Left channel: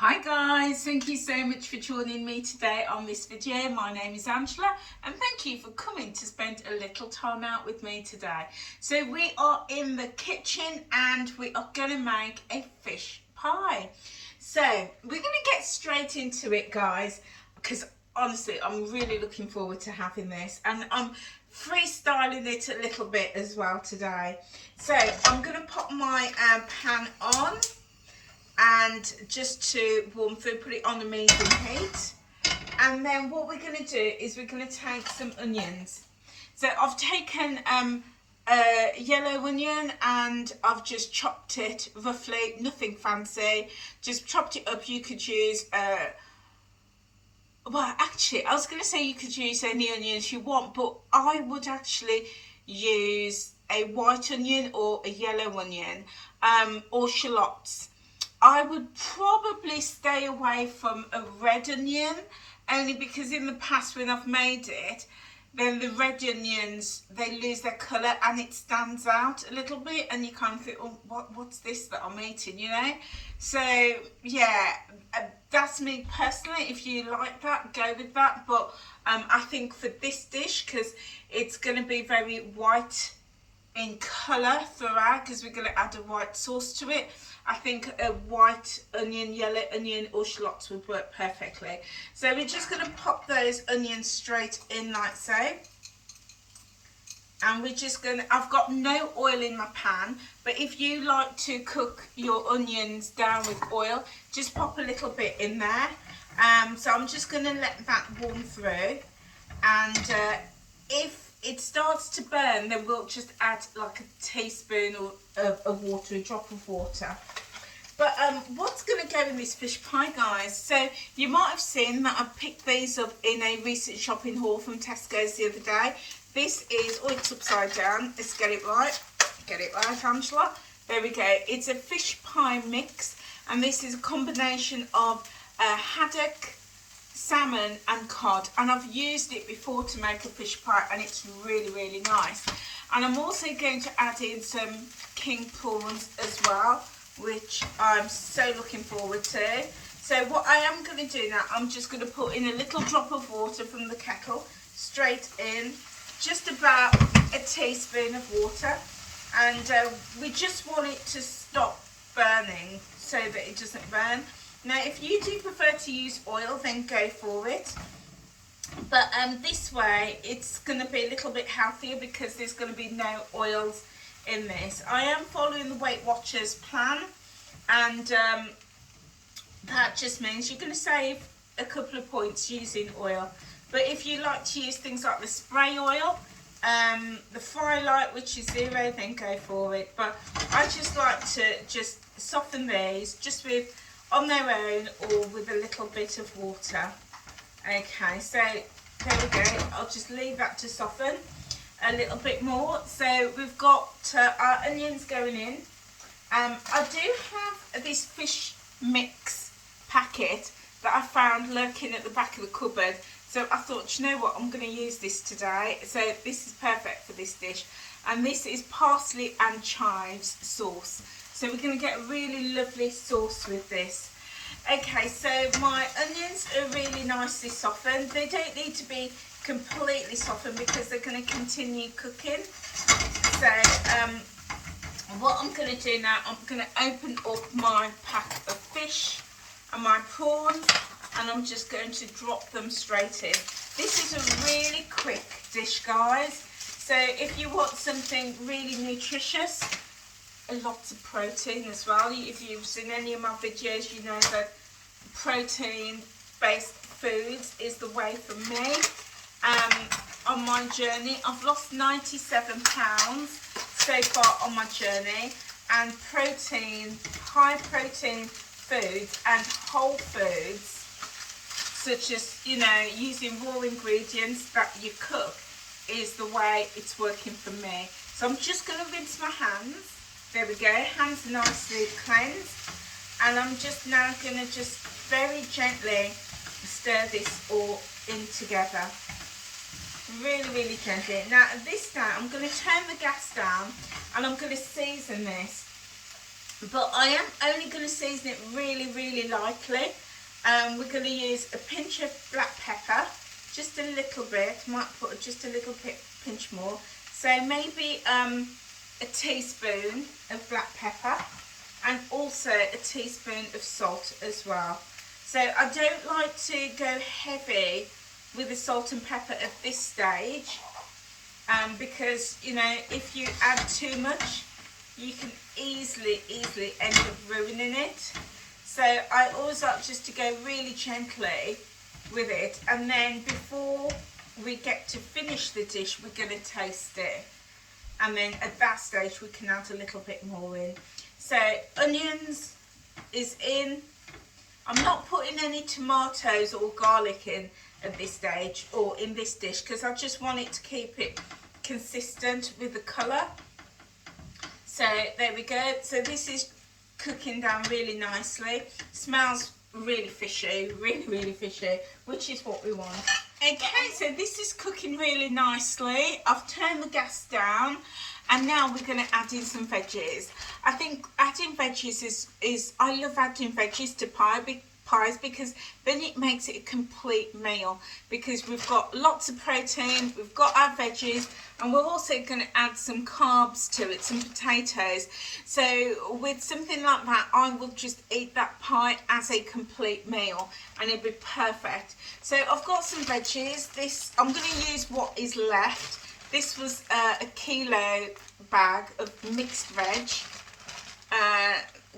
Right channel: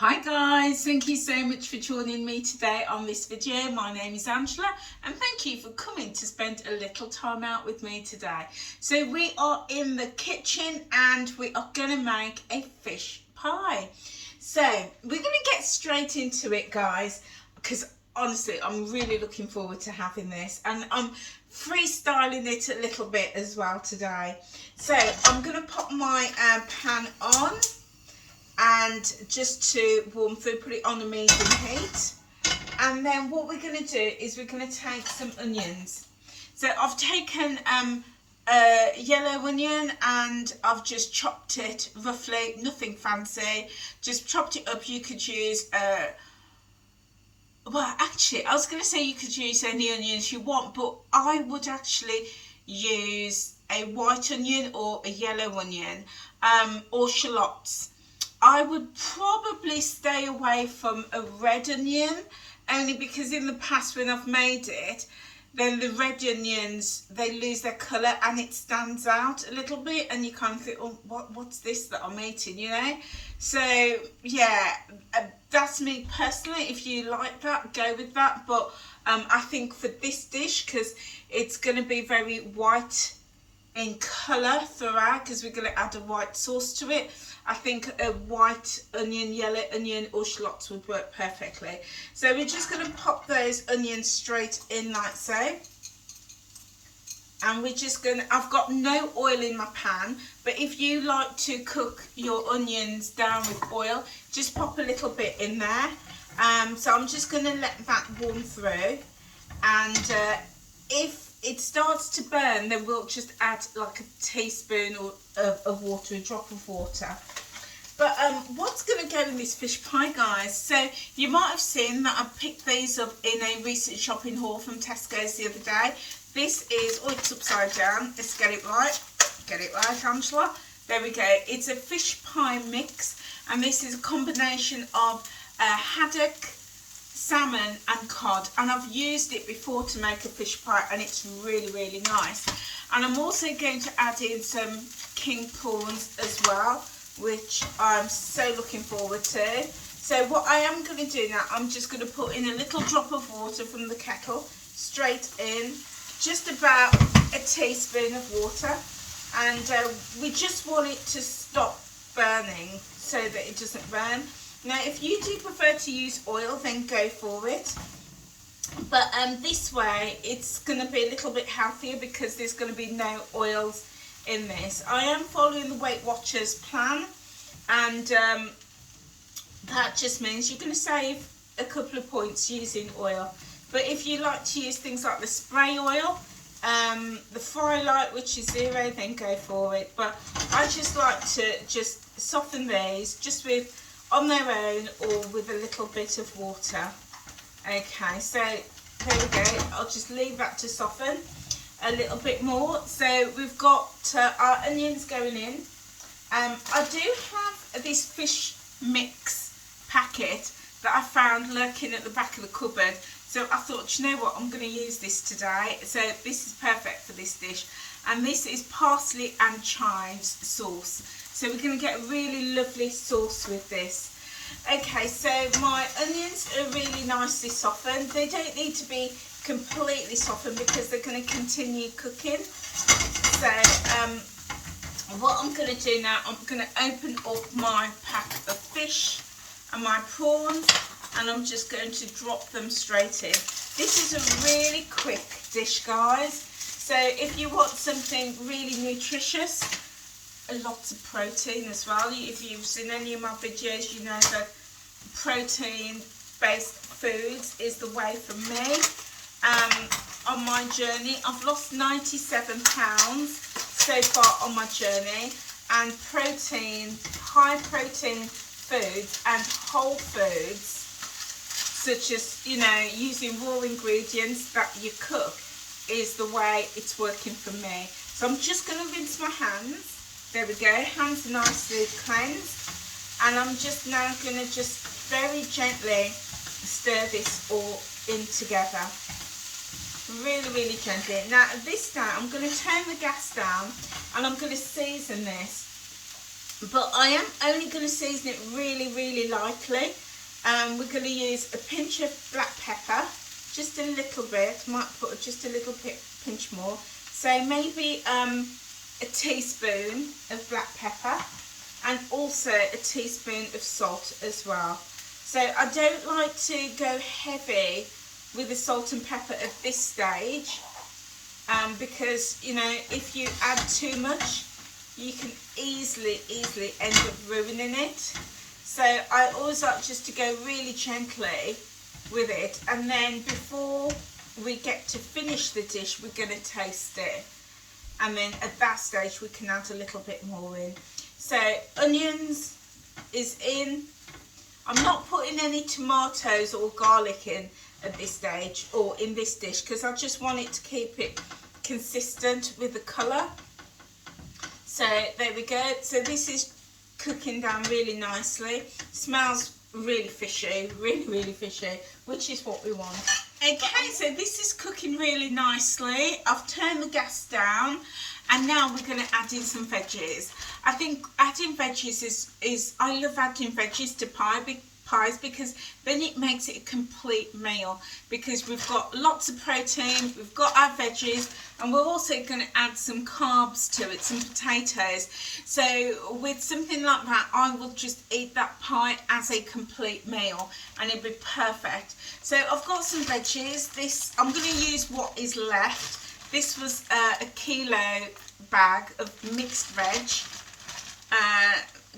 Hi guys, thank you so much for joining me today on this video. My name is Angela and thank you for coming to spend a little time out with me today. So we are in the kitchen and we are going to make a fish pie. So we're going to get straight into it, guys, because honestly I'm really looking forward to having this, and I'm freestyling it a little bit as well today. So I'm going to pop my pan on, and just to warm through, put it on a medium heat. And then what we're going to do is we're going to take some onions. So I've taken a yellow onion and I've just chopped it roughly, nothing fancy, just chopped it up. You could use well, actually I was going to say you could use any onions you want, but I would actually use a white onion or a yellow onion, or shallots. I would probably stay away from a red onion, only because in the past when I've made it, then the red onions, they lose their colour and it stands out a little bit, and you kind of think, oh, what's this that I'm eating, you know? So yeah, that's me personally. If you like that, go with that. But I think for this dish, because it's going to be very white in colour throughout, because we're going to add a white sauce to it, I think a white onion, yellow onion or shallots would work perfectly. So we're just going to pop those onions straight in like so. And we're just going to, I've got no oil in my pan, but if you like to cook your onions down with oil, just pop a little bit in there. So I'm just going to let that warm through, and if it starts to burn, then we'll just add like a teaspoon of water, a drop of water. But what's going to go in this fish pie, guys? So you might have seen that I picked these up in a recent shopping haul from Tesco's the other day. This is, oh, it's upside down. Let's get it right. Get it right, Angela. There we go. It's a fish pie mix, and this is a combination of haddock, salmon and cod, and I've used it before to make a fish pie, and it's really nice. And I'm also going to add in some king prawns as well, which I'm so looking forward to. So what I am going to do now, I'm just going to put in a little drop of water from the kettle straight in, just about a teaspoon of water, and we just want it to stop burning so that it doesn't burn. Now if you do prefer to use oil, then go for it, but this way it's going to be a little bit healthier because there's going to be no oils in this. I am following the Weight Watchers plan, and that just means you're going to save a couple of points using oil. But if you like to use things like the spray oil, the Firelight, which is 0, then go for it. But I just like to just soften these just with on their own or with a little bit of water. Okay, so there we go. I'll just leave that to soften a little bit more. So we've got our onions going in. I do have this fish mix packet that I found lurking at the back of the cupboard, so I thought, you know what, I'm going to use this today. So this is perfect for this dish, and this is parsley and chives sauce. So we're going to get a really lovely sauce with this. Okay, so my onions are really nicely softened. They don't need to be completely softened because they're going to continue cooking. So what I'm going to do now, I'm going to open up my pack of fish and my prawns, and I'm just going to drop them straight in. This is a really quick dish, guys. So if you want something really nutritious, lots of protein as well. If you've seen any of my videos, you know that protein-based foods is the way for me. On my journey, I've lost 97 pounds so far on my journey, and protein, high protein foods and whole foods, such as, you know, using raw ingredients that you cook, is the way it's working for me. So I'm just going to rinse my hands. There we go, hands are nicely cleansed, and I'm just now going to just very gently stir this all in together. Really gently. Now at this time I'm going to turn the gas down, and I'm going to season this but I am only going to season it really lightly. We're going to use a pinch of black pepper, just a little bit, might put just a little bit, pinch more. So maybe a teaspoon of black pepper, and also a teaspoon of salt as well. So I don't like to go heavy with the salt and pepper at this stage, because, you know, if you add too much, you can easily end up ruining it. So I always like just to go really gently with it, and then before we get to finish the dish, we're going to taste it, and then at that stage we can add a little bit more in. So onions is in. I'm not putting any tomatoes or garlic in at this stage or in this dish, because I just want it to keep it consistent with the colour. So there we go. So this is cooking down really nicely. Smells really fishy, really fishy, which is what we want. Okay, so this is cooking really nicely. I've turned the gas down, and now we're going to add in some veggies. I think adding veggies is I love adding veggies to pies, because then it makes it a complete meal, because we've got lots of protein, we've got our veggies, and we're also going to add some carbs to it, some potatoes. So with something like that, I will just eat that pie as a complete meal, and it'll be perfect. So I've got some veggies. This, I'm going to use what is left. This was a kilo bag of mixed veg,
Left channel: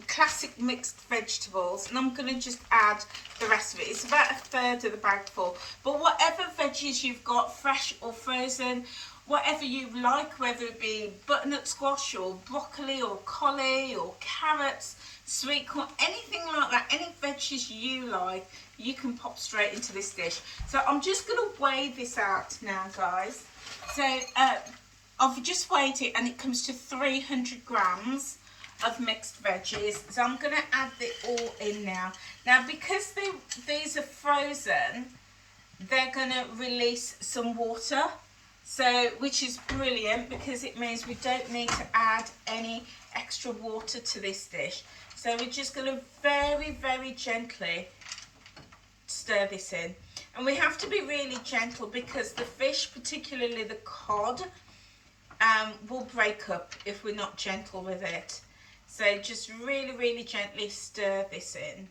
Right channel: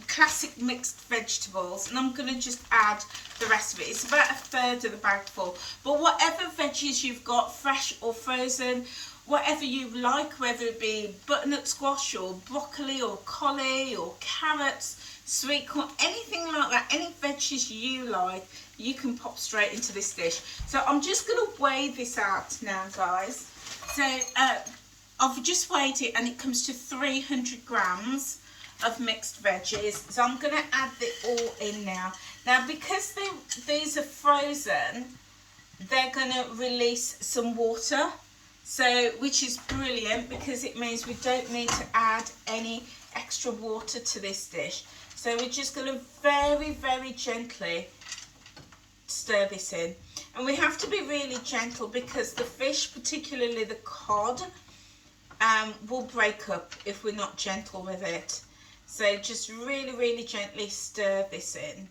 classic mixed vegetables, and I'm going to just add the rest of it. It's about a third of the bag full, but whatever veggies you've got, fresh or frozen, whatever you like, whether it be butternut squash or broccoli or collie or carrots, sweet corn, anything like that, any veggies you like, you can pop straight into this dish. So I'm just going to weigh this out now, guys. So I've just weighed it, and it comes to 300 grams of mixed veggies. So I'm going to add it all in now. Now, because these are frozen, they're going to release some water, so which is brilliant, because it means we don't need to add any extra water to this dish. So we're just going to very gently stir this in, and we have to be really gentle, because the fish, particularly the cod, will break up if we're not gentle with it. So just really gently stir this in.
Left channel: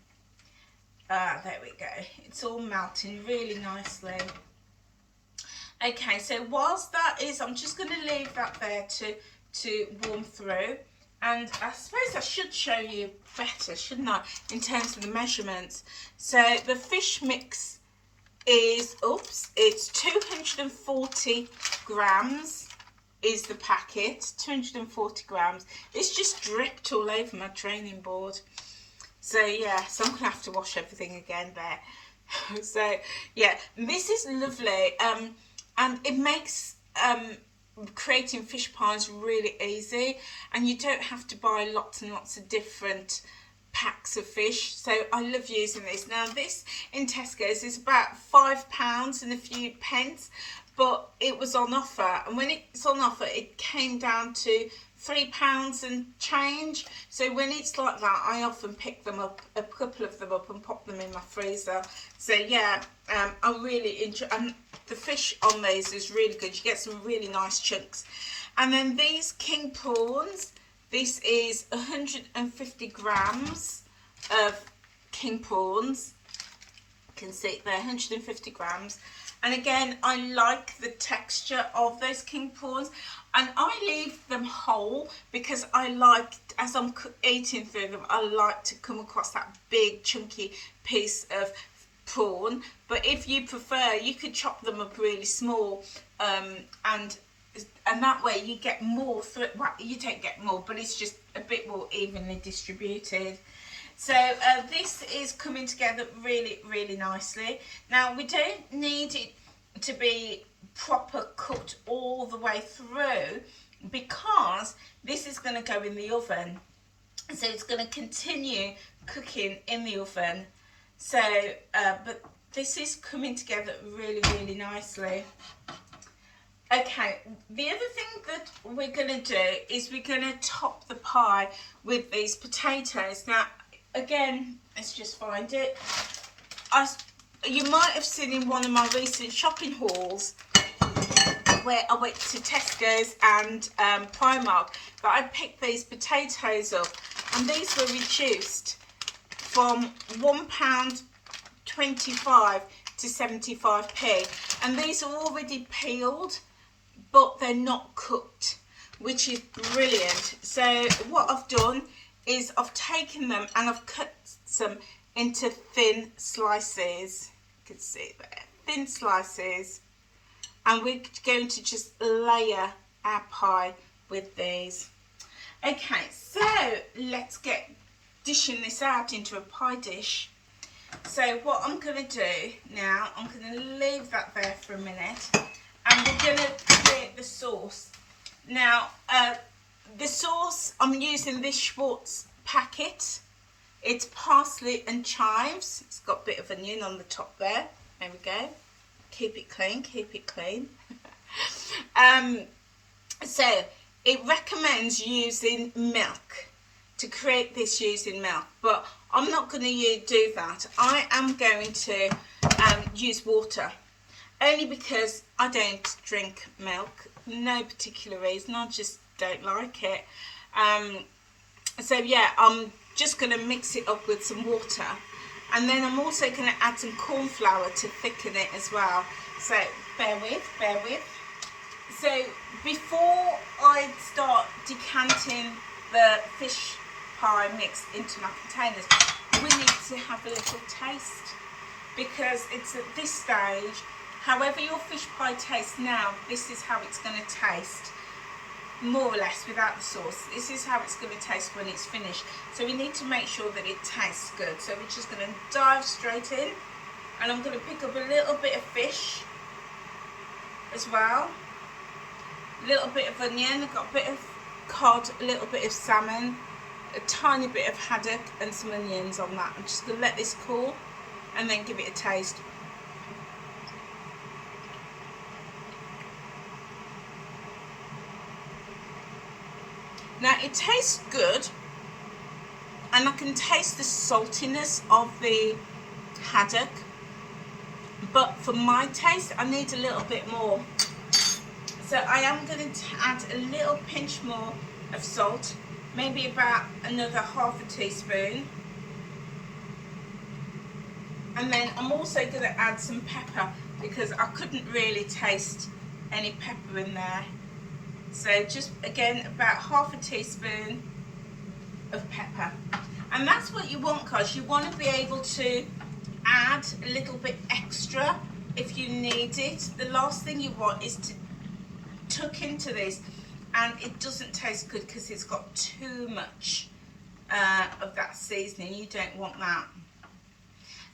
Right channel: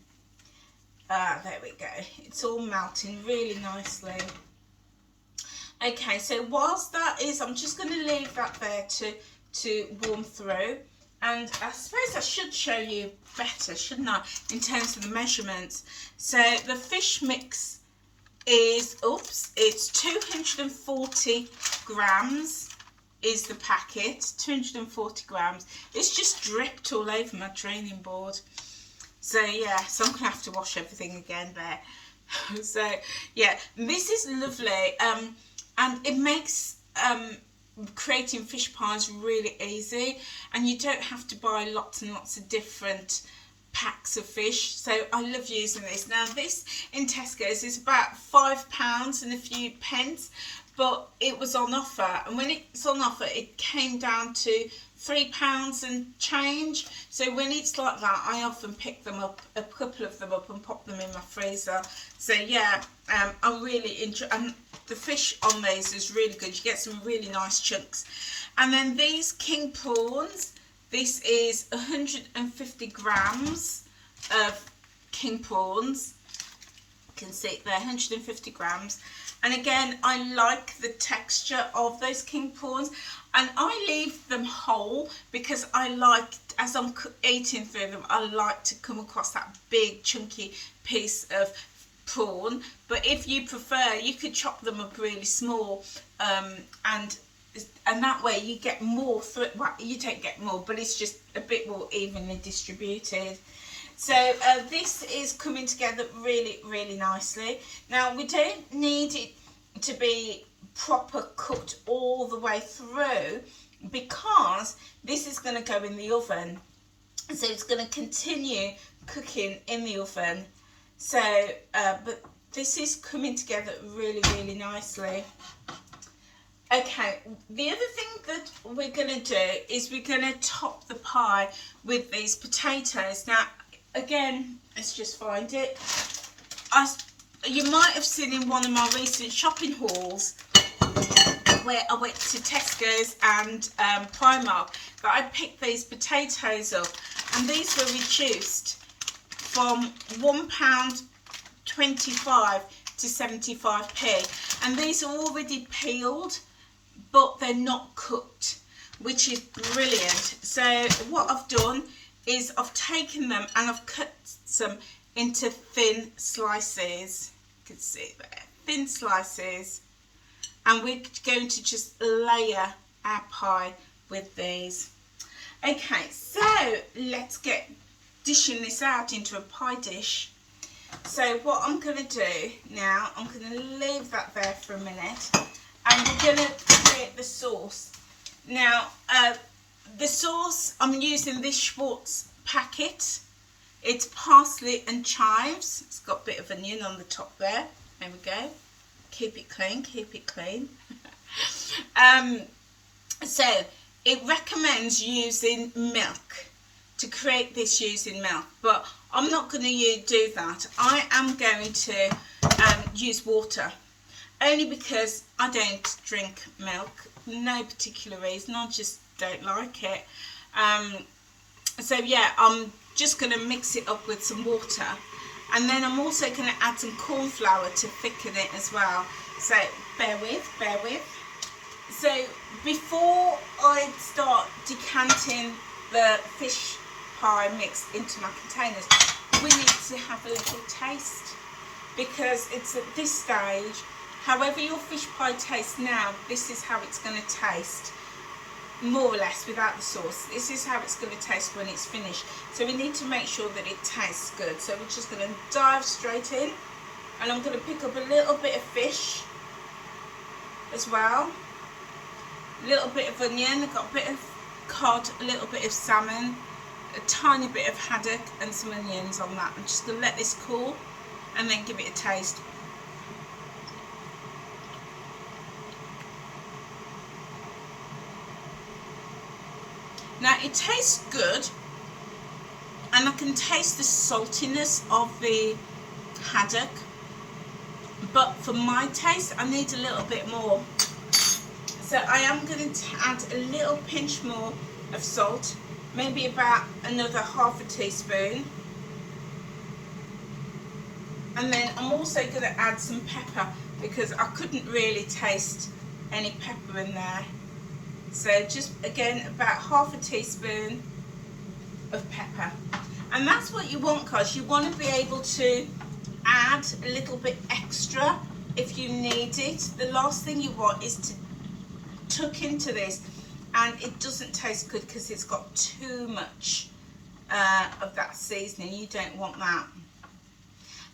There we go. It's all melting really nicely. Okay, so whilst that is, I'm just going to leave that there to warm through. And I suppose I should show you better, shouldn't I, in terms of the measurements. So the fish mix is, it's 240 grams. Is the packet, 240 grams. It's just dripped all over my training board. So yeah, so I'm gonna have to wash everything again there. So yeah, this is lovely, and it makes creating fish pies really easy, and you don't have to buy lots and lots of different packs of fish. So I love using this. Now this in Tesco's is about £5 and a few pence, but it was on offer, and when it's on offer it came down to £3 and change. So when it's like that, I often pick them up, a couple of them up, and pop them in my freezer. So yeah, I really enjoy, and the fish on these is really good. You get some really nice chunks. And then these king prawns, this is 150 grams of king prawns. You can see there, 150 grams. And again, I like the texture of those king prawns, and I leave them whole, because I like, as I'm eating through them, I like to come across that big chunky piece of prawn. But if you prefer, you could chop them up really small, and that way you get more through. Well, you don't get more, but it's just a bit more evenly distributed. So this is coming together really nicely. Now we don't need it to be proper cooked all the way through, because this is going to go in the oven. So it's going to continue cooking in the oven. So, but this is coming together really nicely. Okay, the other thing that we're going to do is we're going to top the pie with these potatoes. Now, again, let's just find it. You might have seen in one of my recent shopping hauls where I went to Tesco's and Primark, but I picked these potatoes up, and these were reduced from £1.25 to 75p, and these are already peeled, but they're not cooked, which is brilliant. So what I've done is I've taken them and I've cut them into thin slices. You can see there, thin slices, and we're going to just layer our pie with these. Okay, so let's get dishing this out into a pie dish. So what I'm going to do now, I'm going to leave that there for a minute, and we're going to create the sauce. Now, the sauce, I'm using this Schwartz packet. It's parsley and chives. It's got a bit of onion on the top there. There we go. Keep it clean, keep it clean. So it recommends using milk to create this, using milk, but I'm not going to do that. I am going to use water, only because I don't drink milk. No particular reason, I just don't like it. So yeah, I'm just going to mix it up with some water, and then I'm also going to add some corn flour to thicken it as well. So bear with. So before I start decanting the fish pie mix into my containers, we need to have a little taste, because it's at this stage, however your fish pie tastes now, this is how it's going to taste, more or less, without the sauce. This is how it's going to taste when it's finished. So we need to make sure that it tastes good. So we're just going to dive straight in, and I'm going to pick up a little bit of fish as well, a little bit of onion, I've got a bit of cod, a little bit of salmon, a tiny bit of haddock, and some onions on that. I'm just going to let this cool and then give it a taste. Now it tastes good, and I can taste the saltiness of the haddock, but for my taste I need a little bit more. So I am going to add a little pinch more of salt, maybe about another half a teaspoon. And then I'm also going to add some pepper, because I couldn't really taste any pepper in there. So just again about half a teaspoon of pepper. And that's what you want, guys. You want to be able to add a little bit extra if you need it. The last thing you want is to tuck into this and it doesn't taste good because it's got too much of that seasoning. You don't want that.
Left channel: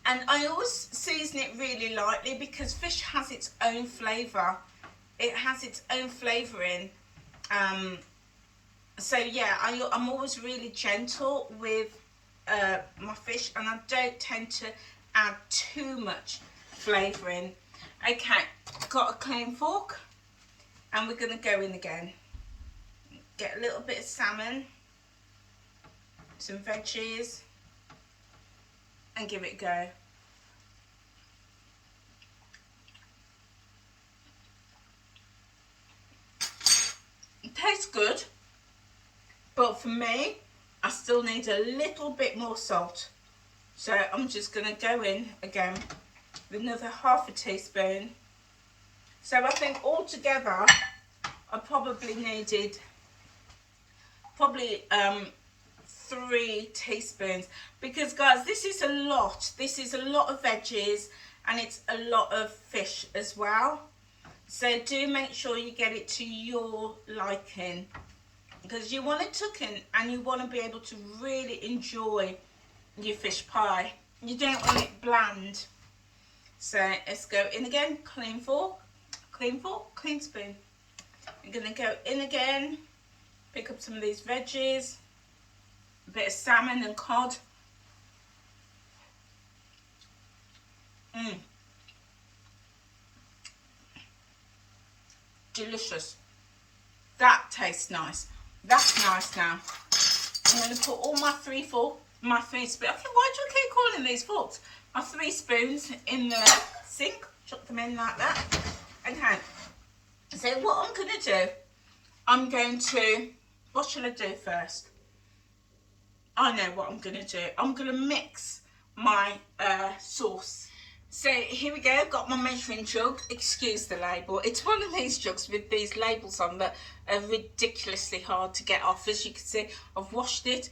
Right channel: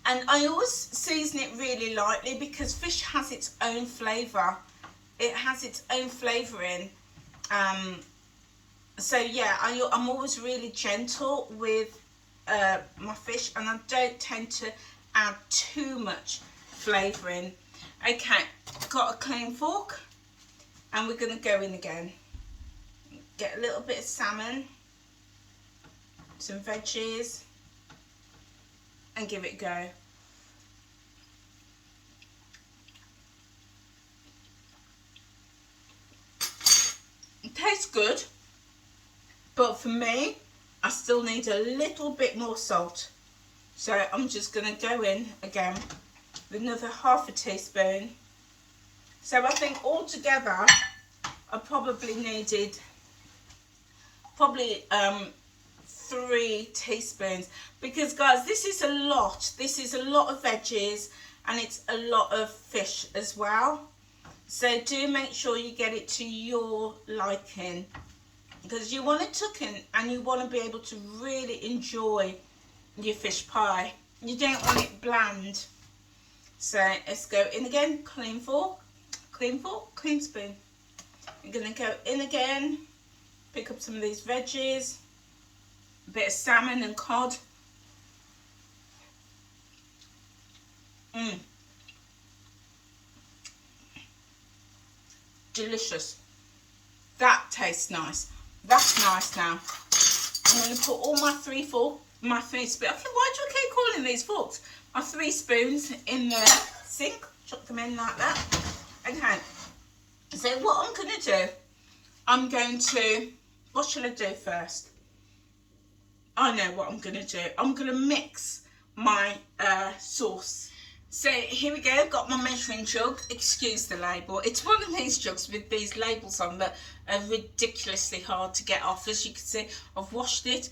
And I always season it really lightly, because fish has its own flavour. It has its own flavouring. So yeah, I'm always really gentle with my fish, and I don't tend to add too much flavouring. Okay, got a clean fork, and we're going to go in again. Get a little bit of salmon, some veggies, and give it a go. It tastes good, but for me, I still need a little bit more salt. So I'm just going to go in again with another half a teaspoon. So I think altogether I probably needed 3 teaspoons, because guys, this is a lot. This is a lot of veggies, and it's a lot of fish as well. So do make sure you get it to your liking, because you want it cooking and you want to be able to really enjoy your fish pie. You don't want it bland. So let's go in again. Clean fork, clean spoon. I'm going to go in again, pick up some of these veggies, a bit of salmon and cod. delicious. That tastes nice. That's nice now. I'm going to put all my three spoons. Why do I keep calling these forks? My 3 spoons in the sink. Chuck them in like that. Okay. So what I'm going to do, what shall I do first? I know what I'm going to do. I'm going to mix my sauce. So here we go, I've got my measuring jug. Excuse the label. It's one of these jugs with these labels on that are ridiculously hard to get off. As you can see, I've washed it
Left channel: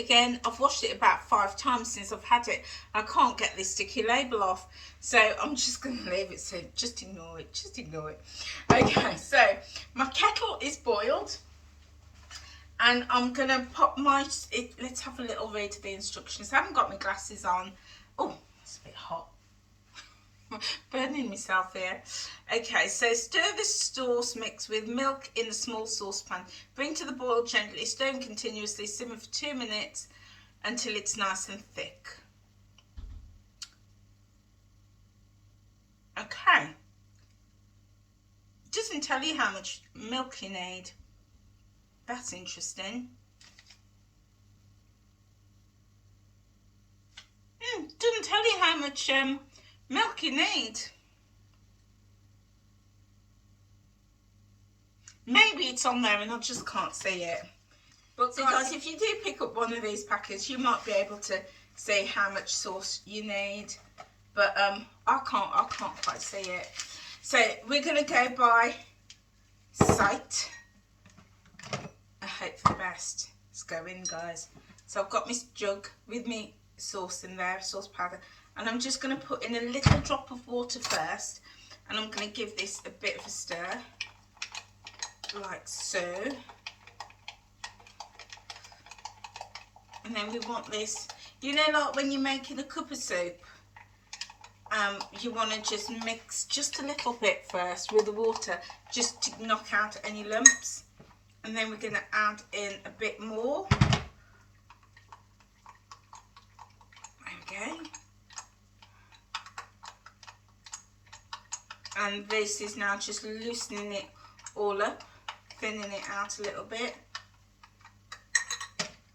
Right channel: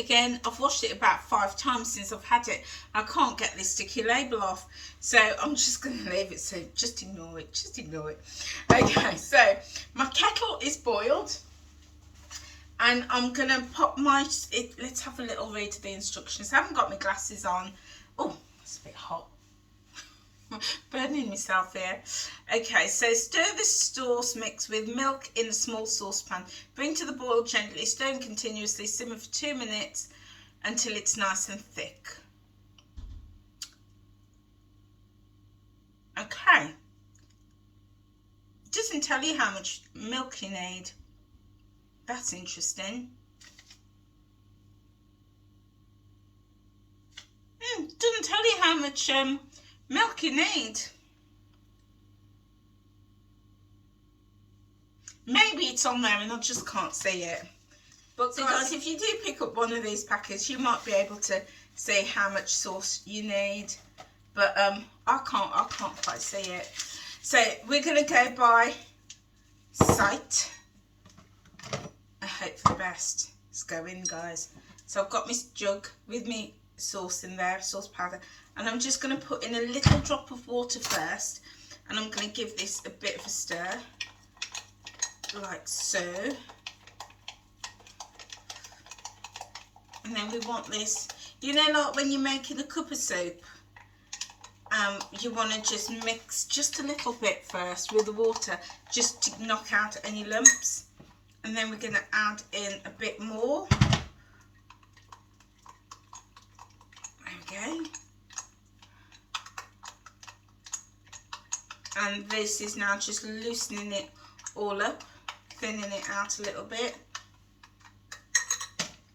again. I've washed it about 5 times since I've had it. I can't get this sticky label off. So I'm just going to leave it, so just ignore it. Okay, so my kettle is boiled. And I'm going to pop let's have a little read of the instructions. I haven't got my glasses on. Oh, it's a bit hot. Burning myself here. Okay, so stir the sauce mix with milk in a small saucepan. Bring to the boil gently, stir continuously, simmer for 2 minutes until it's nice and thick. Okay. It doesn't tell you how much milk you need. That's interesting. Doesn't tell you how much milk you need. Maybe it's on there and I just can't see it. But guys, if you do pick up one of these packets, you might be able to see how much sauce you need. But I can't quite see it. So we're gonna go by sight. I hope for the best. Let's go in, guys. So I've got my jug with me sauce in there, sauce powder, and I'm just going to put in a little drop of water first, and I'm going to give this a bit of a stir, like so. And then we want this, you know, like when you're making a cup of soup, you want to just mix just a little bit first with the water, just to knock out any lumps. And then we're going to add in a bit more. Okay. And this is now just loosening it all up, thinning it out a little bit.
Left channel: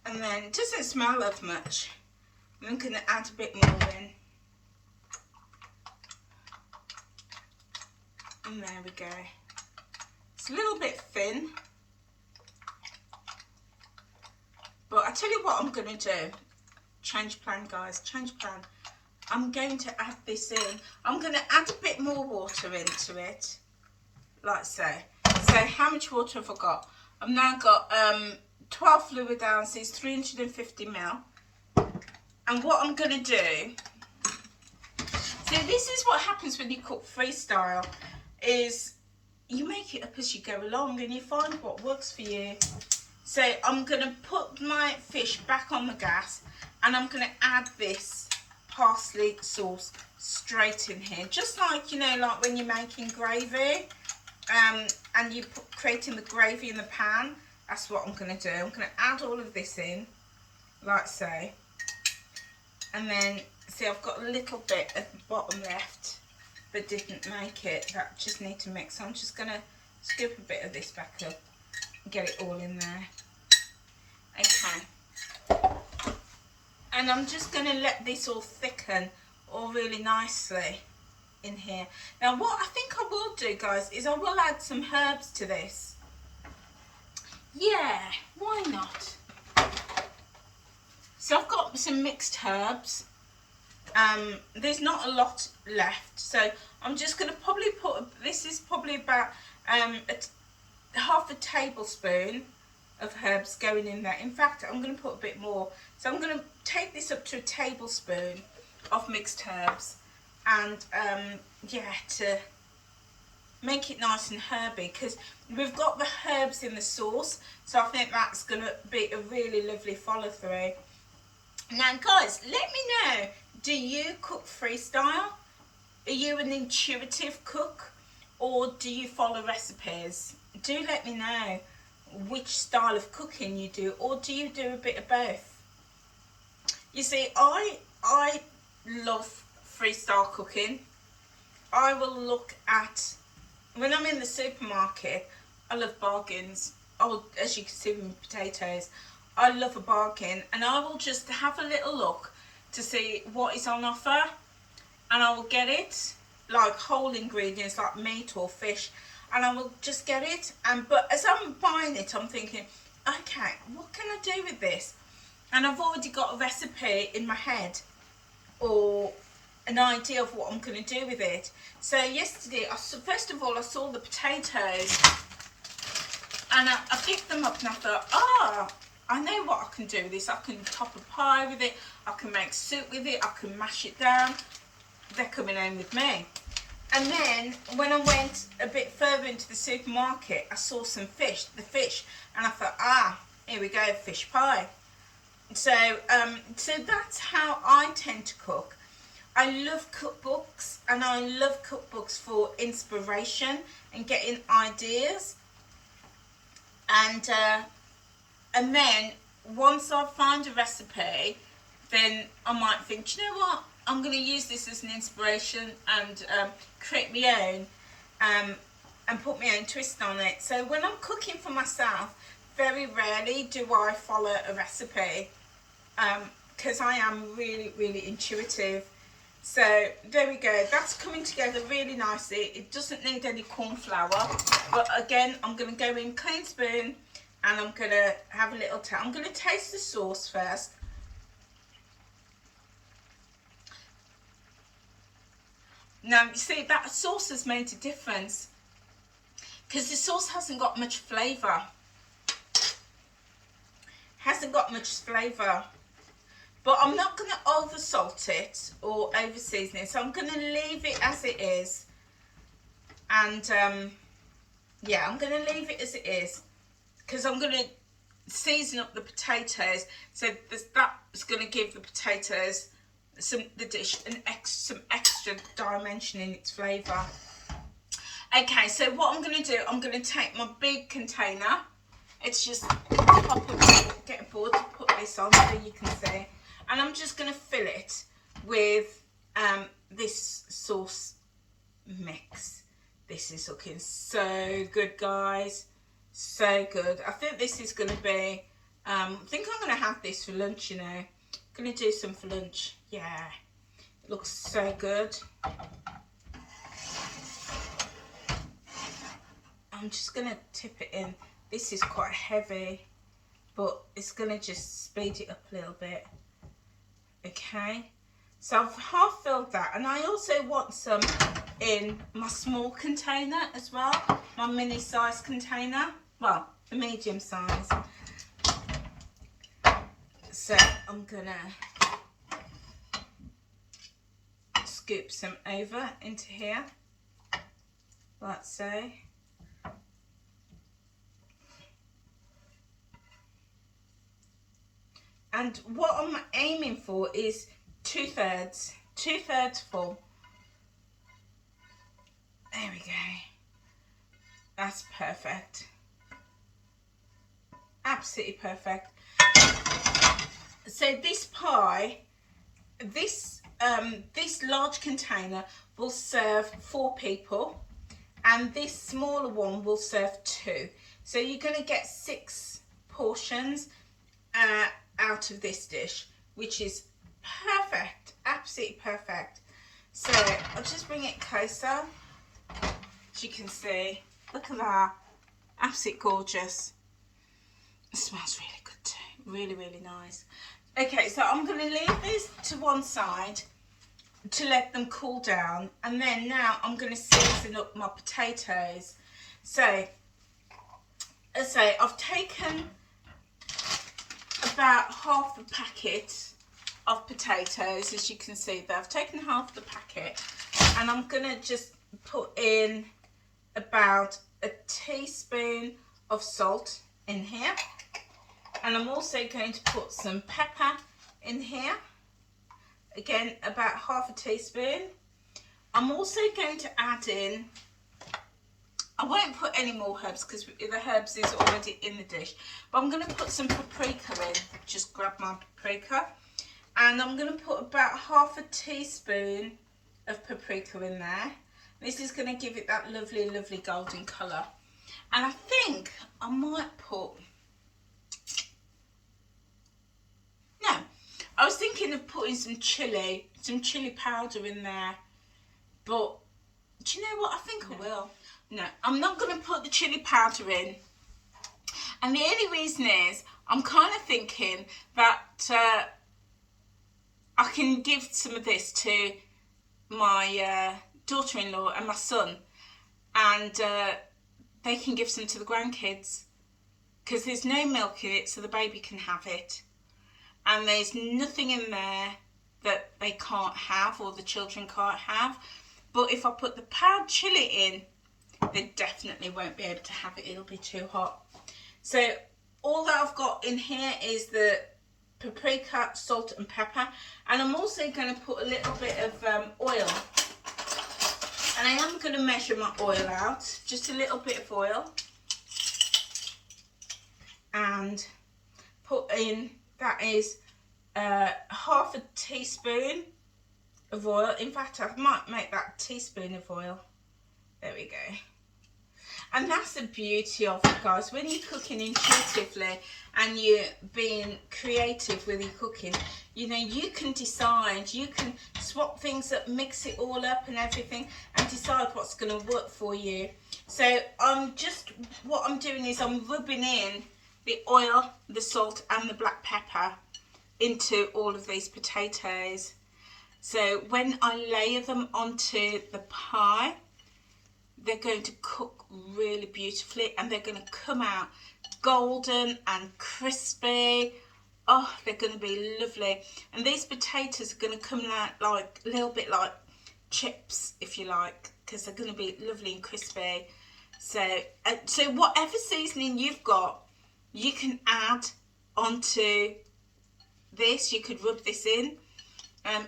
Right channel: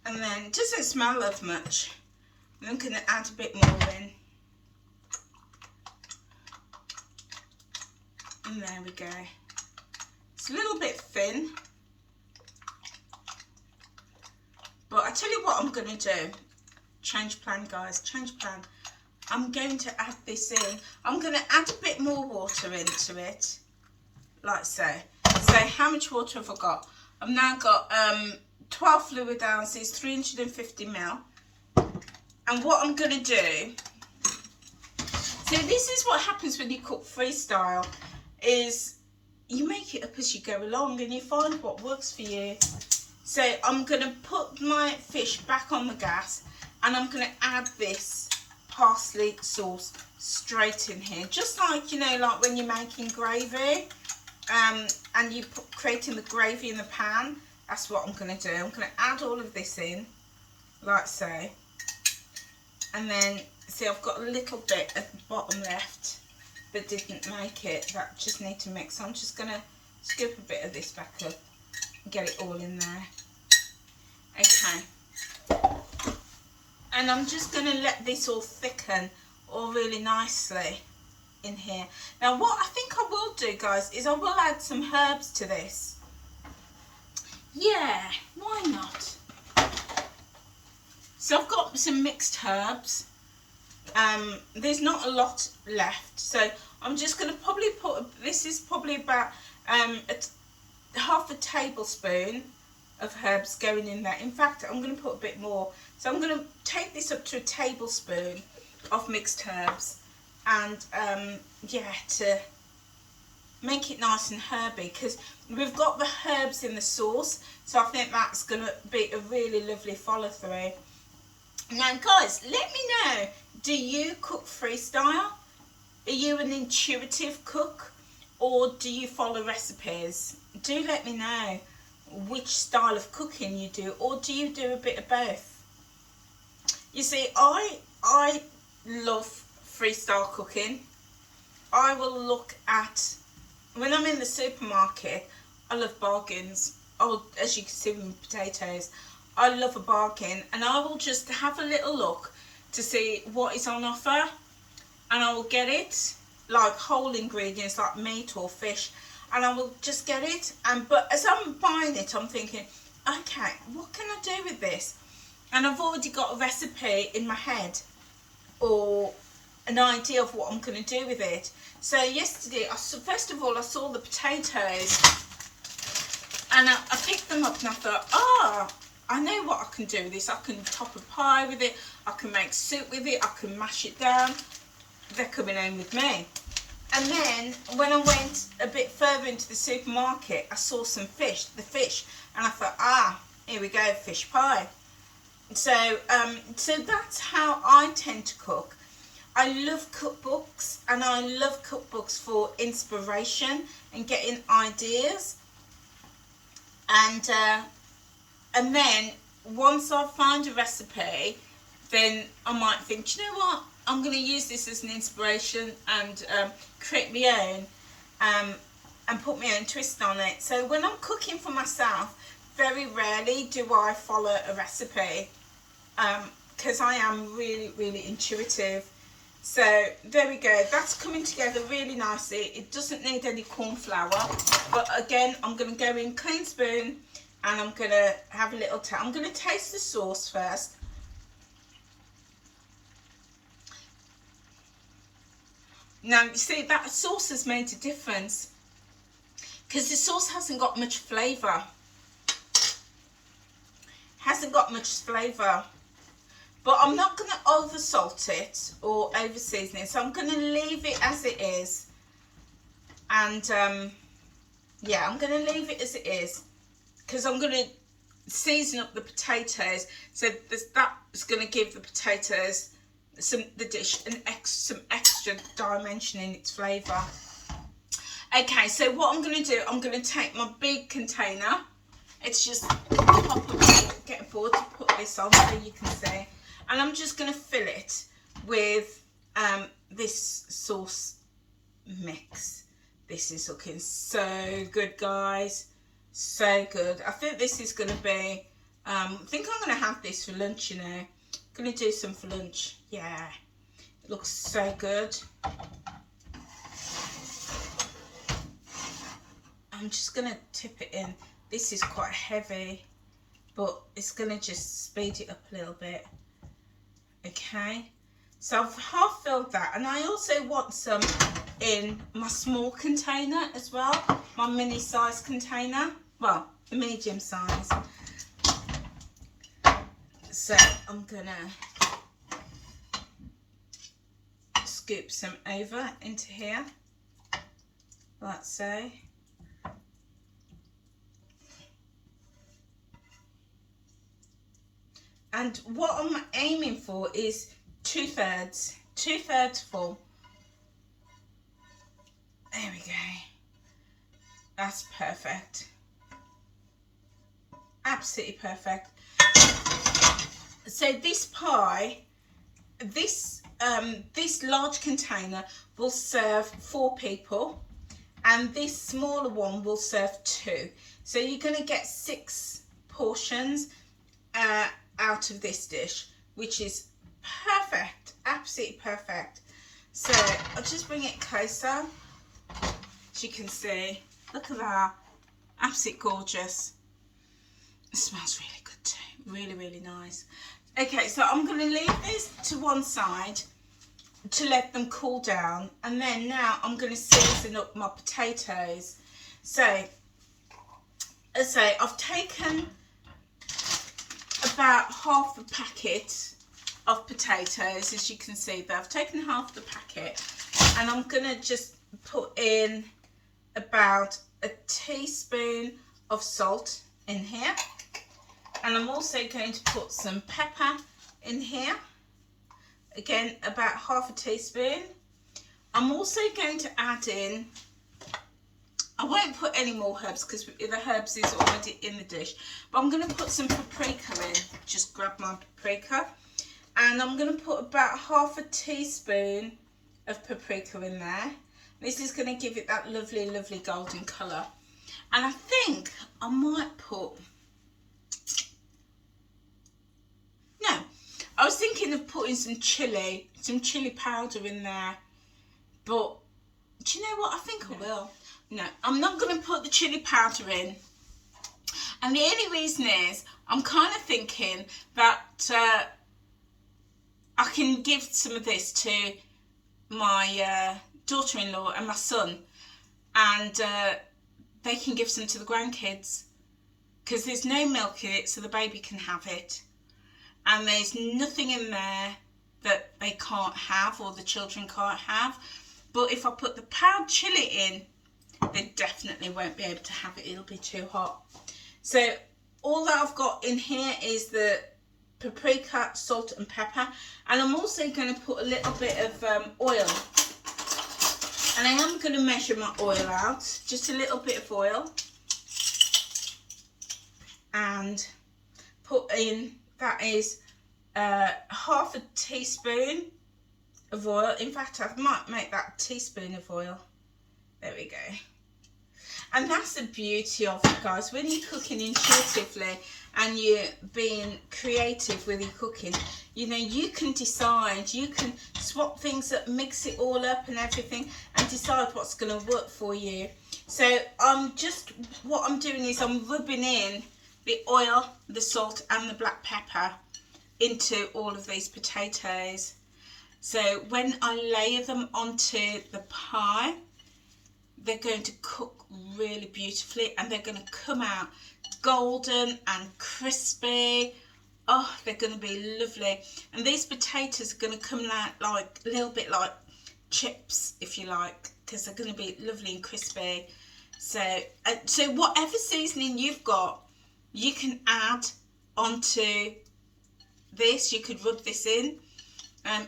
And then it doesn't smell of much. I'm going to add a bit more in. And there we go. It's a little bit thin. But I tell you what I'm going to do. Change plan, guys. Change plan. I'm going to add this in. I'm going to add a bit more water into it. Like so. So how much water have I got? I've now got 12 fluid ounces, 350 ml. And what I'm going to do... So this is what happens when you cook freestyle. Is you make it up as you go along and you find what works for you. So I'm going to put my fish back on the gas and I'm going to add this parsley sauce straight in here. Just like, you know, like when you're making gravy and you're creating the gravy in the pan. That's what I'm going to do. I'm going to add all of this in, like so. And then, see, I've got a little bit at the bottom left that didn't make it. That just need to mix. So I'm just going to scoop a bit of this back up and get it all in there. Okay. And I'm just going to let this all thicken all really nicely in here. Now what I think I will do, guys, is I will add some herbs to this. Yeah, why not? So I've got some mixed herbs. There's not a lot left, so I'm just going to probably put, this is probably about half a tablespoon of herbs going in there. In fact, I'm going to put a bit more. So I'm going to take this up to a tablespoon of mixed herbs, and yeah, to make it nice and herby, because we've got the herbs in the sauce, so I think that's going to be a really lovely follow through. Now guys, let me know, do you cook freestyle? Are you an intuitive cook, or do you follow recipes? Do let me know which style of cooking you do, or do you do a bit of both? You see, I love freestyle cooking. I will look at when I'm in the supermarket, I love bargains. Oh, as you can see with potatoes, I love a bargain, and I will just have a little look to see what is on offer, and I will get it, like whole ingredients like meat or fish, and I will just get it. And but as I'm buying it, I'm thinking, okay, what can I do with this? And I've already got a recipe in my head or an idea of what I'm going to do with it. So yesterday, first of all, I saw the potatoes, and I picked them up, and I thought, oh, I know what I can do with this. I can top a pie with it, I can make soup with it, I can mash it down. They're coming home with me. And then when I went a bit further into the supermarket, I saw some fish, and I thought, here we go, fish pie. So that's how I tend to cook. I love cookbooks, and I love cookbooks for inspiration and getting ideas. And then once I find a recipe, then I might think, do you know what? I'm going to use this as an inspiration and create my own and put my own twist on it. So when I'm cooking for myself, very rarely do I follow a recipe because I am really, really intuitive. So there we go. That's coming together really nicely. It doesn't need any corn flour, but again, I'm going to go in clean spoon, and I'm going to have a little I'm going to taste the sauce first. Now, you see, that sauce has made a difference because the sauce hasn't got much flavour. But I'm not going to over salt it or over season it. So I'm going to leave it as it is. And yeah, I'm going to leave it as it is because I'm going to season up the potatoes. So that's going to give the potatoes some extra dimension in its flavour. Okay, so what I'm going to do, I'm going to take my big container. It's just get a board to put this on so you can see, and I'm just going to fill it with this sauce mix. This is looking so good, guys, so good. I think this is going to be I think I'm going to have this for lunch, you know. Gonna do some for lunch. Yeah, it looks so good. I'm just gonna tip it in. This is quite heavy, but it's gonna just speed it up a little bit. Okay, so I've half filled that, and I also want some in my small container as well, my mini size container, well, the medium size. So I'm gonna scoop some over into here, like so. And what I'm aiming for is two thirds full. There we go. That's perfect. Absolutely perfect. So this pie, this large container will serve 4 people, and this smaller one will serve 2. So you're going to get 6 portions out of this dish, which is perfect, absolutely perfect. So I'll just bring it closer. As you can see, look at that, absolutely gorgeous. It smells really good too, really, really nice. Okay, so I'm going to leave this to one side to let them cool down, and then now I'm going to season up my potatoes. So, as I say, I've taken about half a packet of potatoes, as you can see there. I've taken half the packet, and I'm going to just put in about a teaspoon of salt in here. And I'm also going to put some pepper in here. Again, about half a teaspoon. I'm also going to add in, I won't put any more herbs because the herbs is already in the dish. But I'm going to put some paprika in. Just grab my paprika. And I'm going to put about half a teaspoon of paprika in there. This is going to give it that lovely, lovely golden colour. And I think I might put... No, I was thinking of putting some chilli powder in there. But do you know what? I think I will. No, I'm not going to put the chilli powder in. And the only reason is I'm kind of thinking that I can give some of this to my daughter-in-law and my son, and they can give some to the grandkids, because there's no milk in it, so the baby can have it, and there's nothing in there that they can't have or the children can't have. But if I put the powdered chilli in, they definitely won't be able to have it. It'll be too hot. So all that I've got in here is the paprika, salt and pepper, and I'm also going to put a little bit of oil, and I am going to measure my oil out, just a little bit of oil, and put in, that is half a teaspoon of oil. In fact, I might make that a teaspoon of oil. There we go. And that's the beauty of it, guys. When you're cooking intuitively and you're being creative with your cooking, you know, you can decide, you can swap things up, mix it all up and everything, and decide what's going to work for you. So what I'm doing is I'm rubbing in the oil, the salt and the black pepper into all of these potatoes. So when I layer them onto the pie, they're going to cook really beautifully, and they're going to come out golden and crispy. Oh, they're going to be lovely. And these potatoes are going to come out like a little bit like chips, if you like, because they're going to be lovely and crispy. So whatever seasoning you've got, you can add onto this. You could rub this in.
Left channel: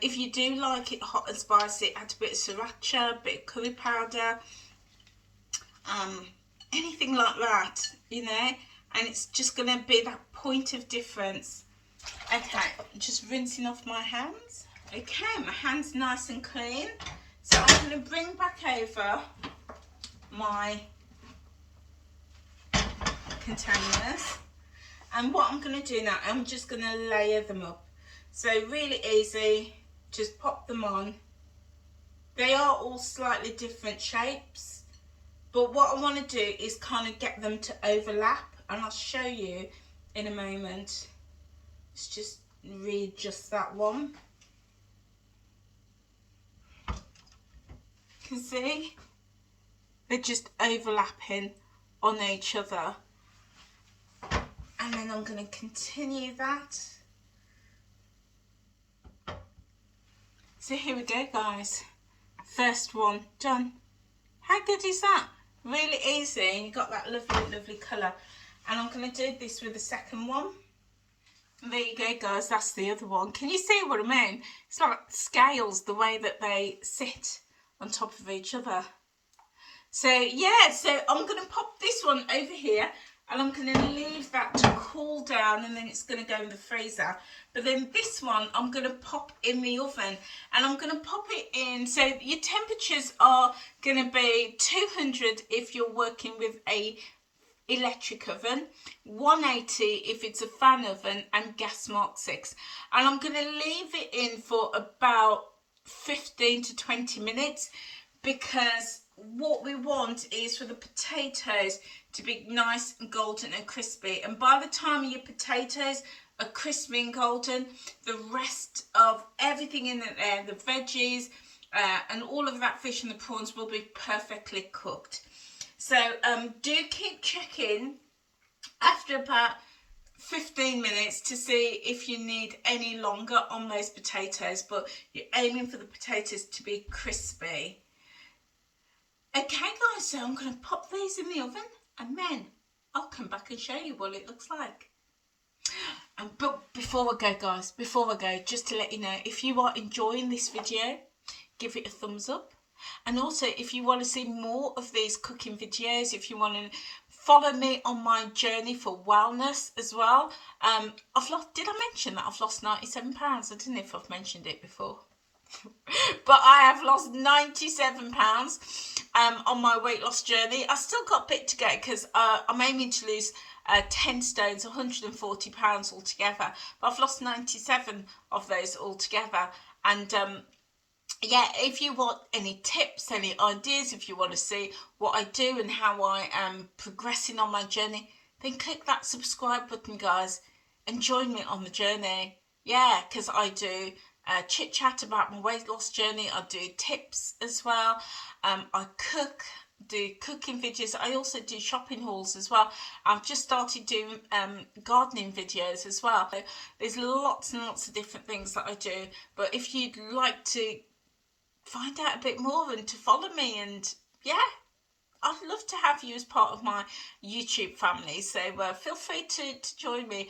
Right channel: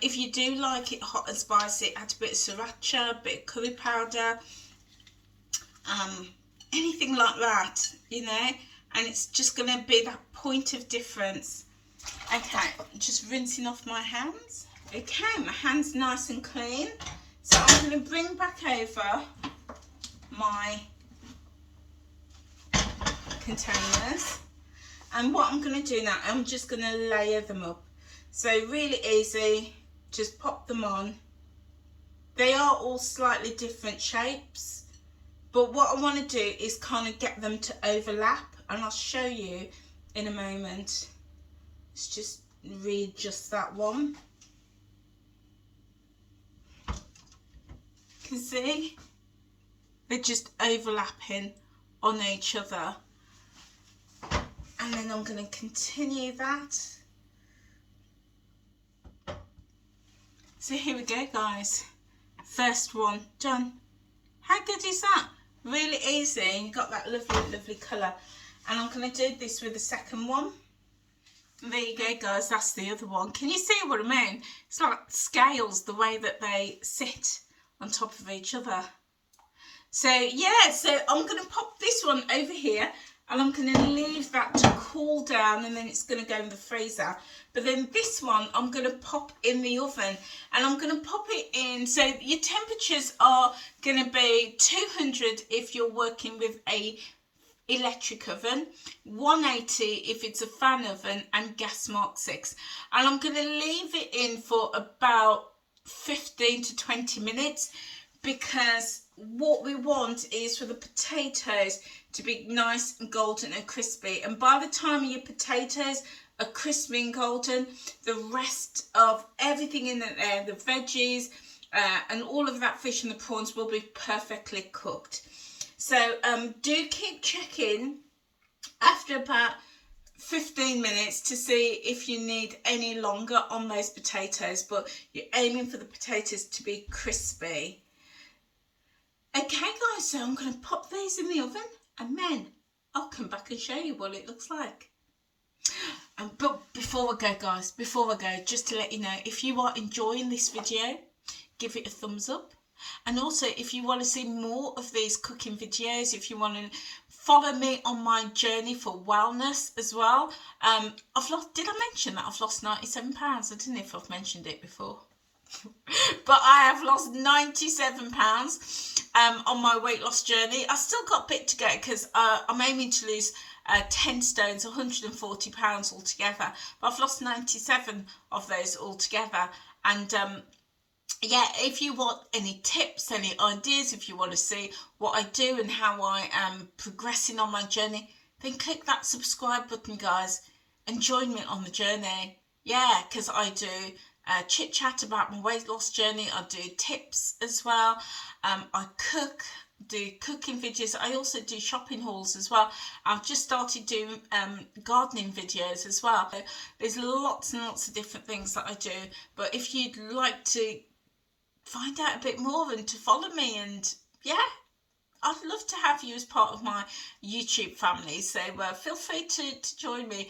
If you do like it hot and spicy, add a bit of sriracha, a bit of curry powder, anything like that, you know, and it's just going to be that point of difference. Okay, just rinsing off my hands. Okay, my hands nice and clean, so I'm going to bring back over my containers, and what I'm going to do now, I'm just going to layer them up. So really easy, just pop them on. They are all slightly different shapes, but what I want to do is kind of get them to overlap, and I'll show you in a moment. Let's just readjust that one. You can see they're just overlapping on each other, and then I'm going to continue that. So here we go, guys. First one done. How good is that? Really easy, and you've got that lovely, lovely colour. And I'm going to do this with the second one. And there you go, guys, that's the other one. Can you see what I mean? It's like scales, the way that they sit on top of each other. So yeah, so I'm going to pop this one over here, and I'm going to leave that to cool down, and then it's going to go in the freezer. But then this one I'm going to pop in the oven, and I'm going to pop it in, so your temperatures are going to be 200 if you're working with a electric oven, 180 if it's a fan oven, and gas mark 6. And I'm going to leave it in for about 15 to 20 minutes, because what we want is for the potatoes to be nice and golden and crispy. And by the time your potatoes are crispy and golden, the rest of everything in there, the veggies and all of that fish and the prawns, will be perfectly cooked. So do keep checking after about 15 minutes to see if you need any longer on those potatoes, but you're aiming for the potatoes to be crispy. Okay guys, so I'm going to pop these in the oven, and then I'll come back and show you what it looks like. But before we go, guys, just to let you know, if you are enjoying this video, give it a thumbs up. And also, if you want to see more of these cooking videos, if you want to follow me on my journey for wellness as well. Did I mention that I've lost 97 pounds? I don't know if I've mentioned it before. But I have lost 97 pounds on my weight loss journey. I still got a bit to go because I'm aiming to lose 10 stones, 140 pounds altogether. But I've lost 97 of those altogether. And yeah, if you want any tips, any ideas, if you want to see what I do and how I am progressing on my journey, then click that subscribe button, guys, and join me on the journey. Yeah, because I do chit chat about my weight loss journey. I do tips as well. I do cooking videos. I also do shopping hauls as well. I've just started doing gardening videos as well. So there's lots and lots of different things that I do. But if you'd like to find out a bit more and to follow me, and yeah, I'd love to have you as part of my YouTube family. So feel free to join me.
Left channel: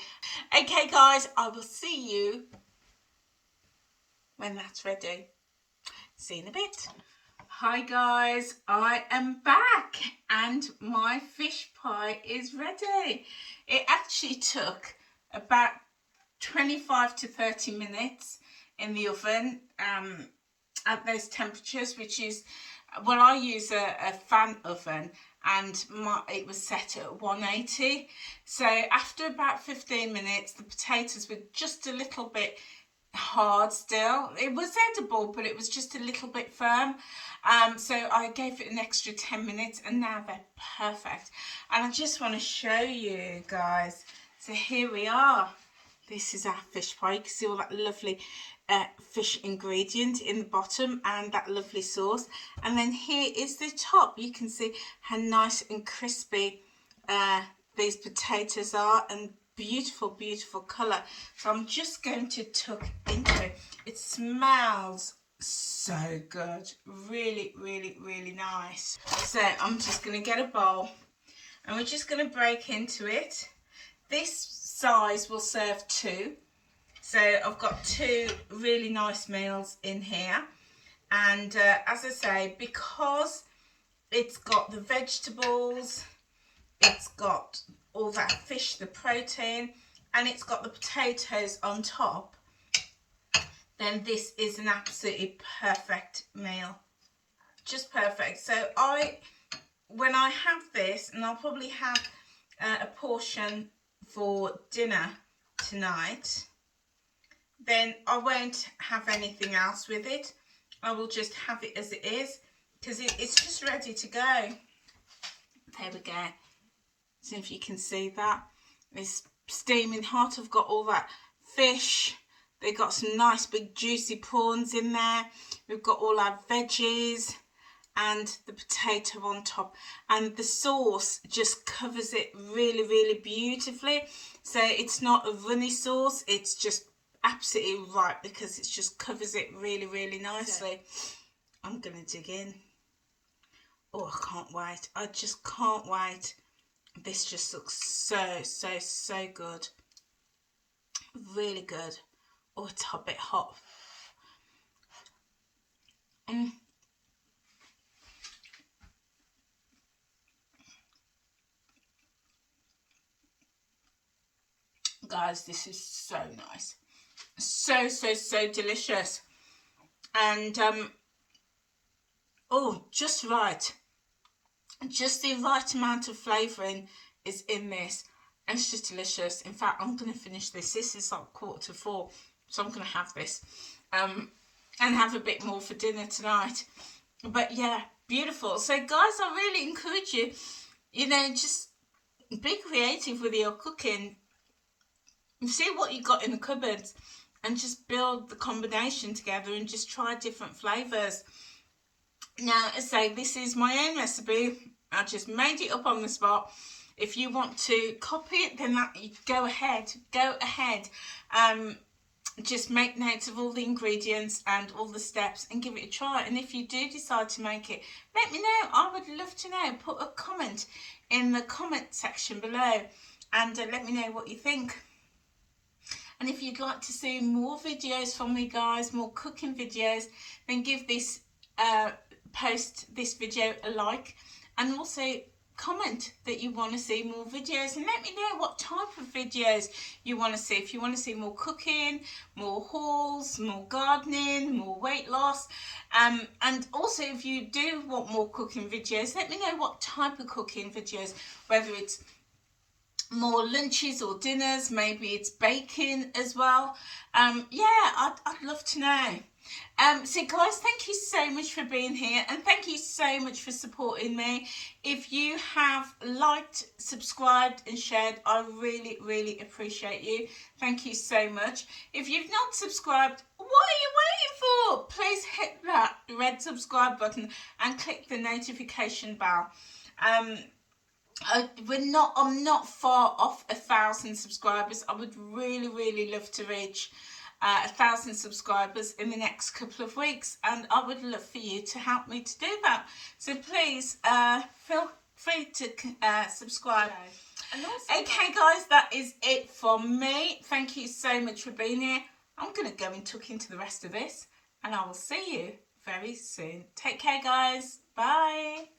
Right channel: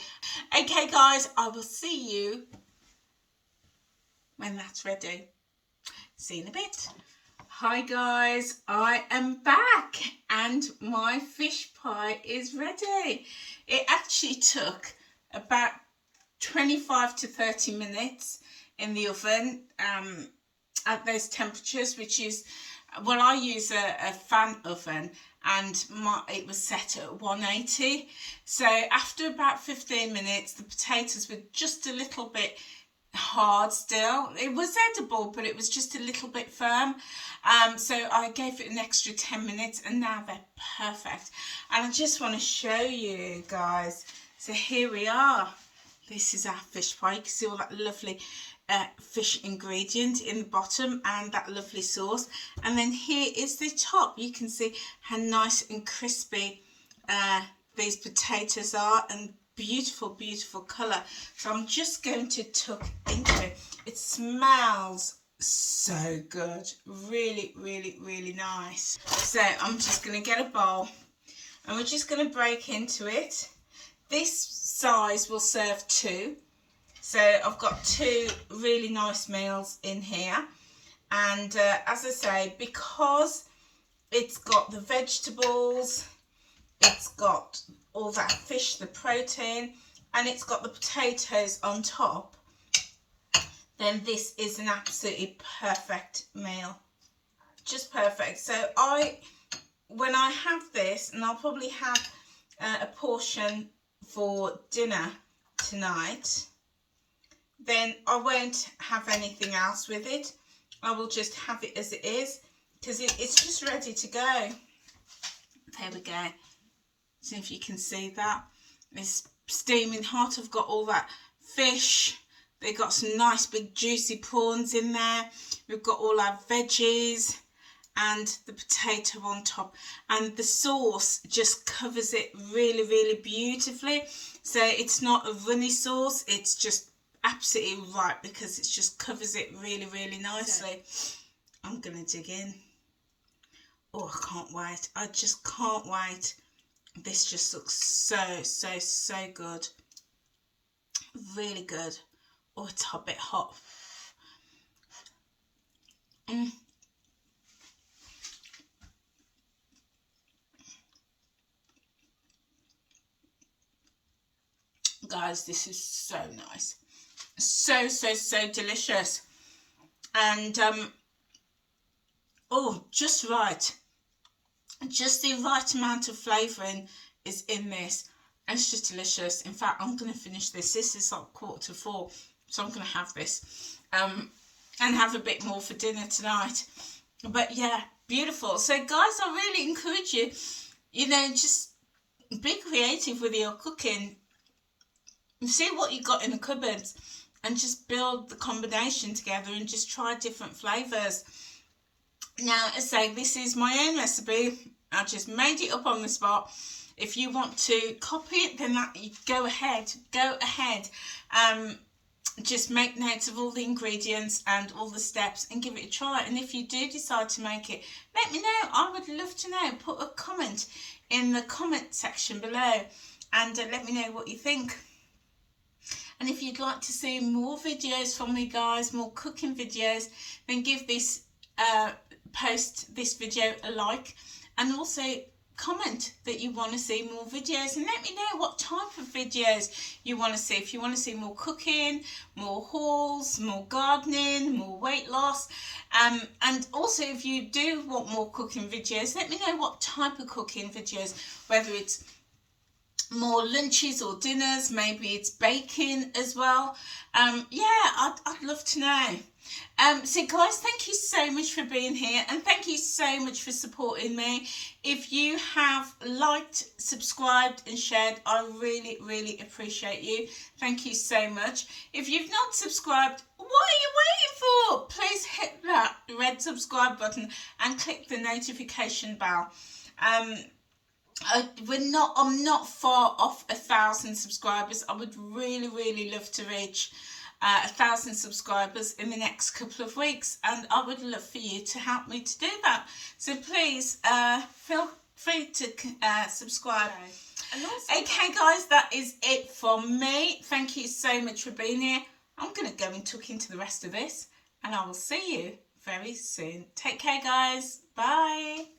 Okay, guys, I will see you when that's ready. See you in a bit. Hi guys, I am back and my fish pie is ready. It actually took about 25 to 30 minutes in the oven at those temperatures, which is, well, I use a fan oven and it was set at 180. So after about 15 minutes, the potatoes were just a little bit hard still. It was edible, but it was just a little bit firm. So I gave it an extra 10 minutes and now they're perfect. And I just want to show you guys. So here we are. This is our fish pie. You can see all that lovely fish ingredient in the bottom and that lovely sauce. And then here is the top. You can see how nice and crispy these potatoes are, and beautiful, beautiful colour. So I'm just going to tuck into it. It smells so good. Really, really, really nice. So I'm just going to get a bowl and we're just going to break into it. This size will serve two. So I've got two really nice meals in here. And as I say, because it's got the vegetables, it's got all that fish, the protein, and it's got the potatoes on top, then this is an absolutely perfect meal. Just perfect. So when I have this, and I'll probably have a portion for dinner tonight, then I won't have anything else with it. I will just have it as it is, because it's just ready to go. There we go. See if you can see that. It's steaming hot. I've got all that fish. They've got some nice big juicy prawns in there. We've got all our veggies and the potato on top. And the sauce just covers it really, really beautifully. So it's not a runny sauce. It's just absolutely right, because it just covers it really, really nicely. I'm going to dig in. Oh, I can't wait. I just can't wait. This just looks so, so, so good. Really good. Oh, it's a bit hot. Guys, this is so nice. So, so, so delicious. And, oh, just right. Just the right amount of flavouring is in this. It's just delicious. In fact, I'm going to finish this. This is like 3:45, so I'm going to have this and have a bit more for dinner tonight. But yeah, beautiful. So guys, I really encourage you, just be creative with your cooking. See what you got in the cupboards and just build the combination together and just try different flavours. Now, as I say, this is my own recipe. I just made it up on the spot. If you want to copy it, then go ahead. Just make notes of all the ingredients and all the steps and give it a try. And if you do decide to make it, let me know. I would love to know. Put a comment in the comment section below and let me know what you think. And if you'd like to see more videos from me, guys, more cooking videos, then give this post this video a like, and also comment that you want to see more videos, and let me know what type of videos you want to see. If you want to see more cooking, more hauls, more gardening, more weight loss, and also if you do want more cooking videos, let me know what type of cooking videos, whether it's more lunches or dinners, maybe it's baking as well. Yeah, I'd love to know. So guys, thank you so much for being here, and thank you so much for supporting me. If you have liked, subscribed and shared, I really, really appreciate you. Thank you so much. If you've not subscribed, what are you waiting for? Please hit that red subscribe button and click the notification bell. I'm not far off 1,000 subscribers. I would really, really love to reach 1,000 subscribers in the next couple of weeks, and I would love for you to help me to do that. So please feel free to subscribe. Okay guys, that is it for me. Thank you so much for being here. I'm going to go and tuck into the rest of this, and I will see you very soon. Take care guys. Bye.